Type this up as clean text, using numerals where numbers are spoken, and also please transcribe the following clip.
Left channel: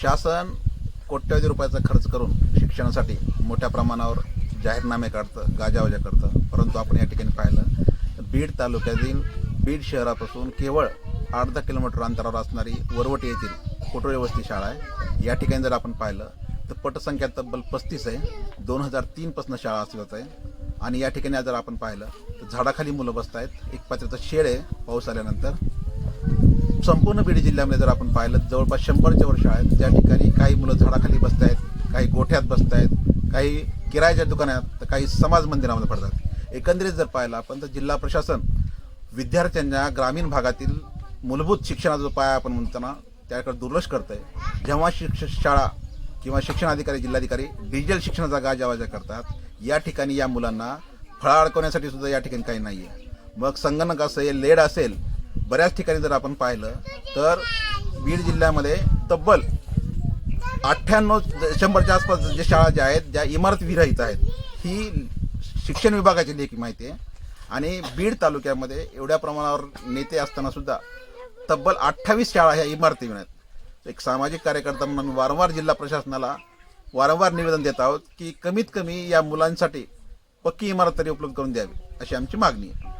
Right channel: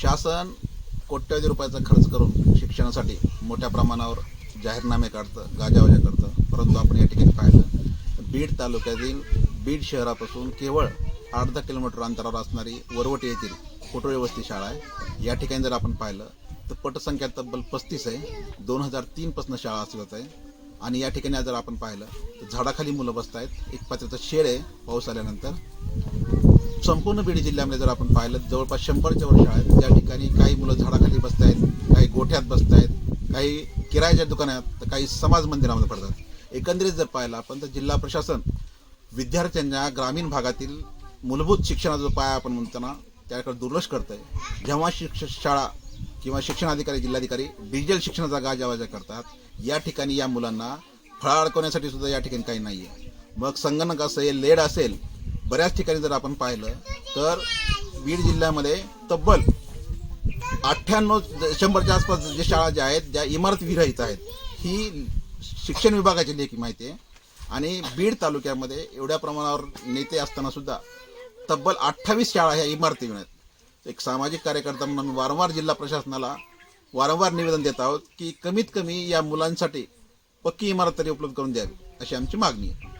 शासन कोट्यवधी रुपयाचा खर्च करून शिक्षणासाठी मोठ्या प्रमाणावर जाहीरनामे काढतं, गाजावाजा करतं. परंतु आपण या ठिकाणी पाहिलं बीड तालुक्यातील बीड शहरापासून केवळ 8-10 किलोमीटर अंतरावर असणारी वरवटी येथील कोटोळे वस्ती शाळा आहे. या ठिकाणी जर आपण पाहिलं तर पटसंख्या तब्बल 35 आहे. 2003 पासून शाळा अस्तित्वात आहे. आणि या ठिकाणी जर आपण पाहिलं तर झाडाखाली मुलं बसत आहेत. एक पात्र्याचं शेड आहे पाऊस आल्यानंतर. संपूर्ण बीड जिल्ह्यामध्ये जर आपण पाहिलं जवळपास 100च्या वर शाळा आहेत. त्या ठिकाणी काही मुलं झाडाखाली बसत आहेत, काही गोठ्यात बसत आहेत, काही किरायाच्या दुकानात, तर काही समाज मंदिरामध्ये पडतात. एकंदरीत जर पाहिलं आपण तर जिल्हा प्रशासन विद्यार्थ्यांच्या ग्रामीण भागातील मूलभूत शिक्षणाचा जो पाया आपण म्हणताना त्याकडे दुर्लक्ष करत आहे. जेव्हा शाळा किंवा शिक्षणाधिकारी जिल्हाधिकारी डिजिटल शिक्षणाचा गाजावाजा करतात, या ठिकाणी या मुलांना फळा अडकवण्यासाठी सुद्धा या ठिकाणी काही नाही आहे. मग संगणक असेल, लेड असेल, बऱ्याच ठिकाणी जर आपण पाहिलं तर बीड जिल्ह्यामध्ये तब्बल 98-100च्या आसपास जे शाळा ज्या आहेत ज्या इमारत विरहित आहेत, ही शिक्षण विभागाची लेखी माहिती आहे. आणि बीड तालुक्यामध्ये एवढ्या प्रमाणावर नेते असताना सुद्धा तब्बल 28 शाळा ह्या इमारती आहेत. एक सामाजिक कार्यकर्ता म्हणून वारंवार जिल्हा प्रशासनाला निवेदन देत आहोत की कमीत कमी या मुलांसाठी पक्की इमारत तरी उपलब्ध करून द्यावी, अशी आमची मागणी आहे.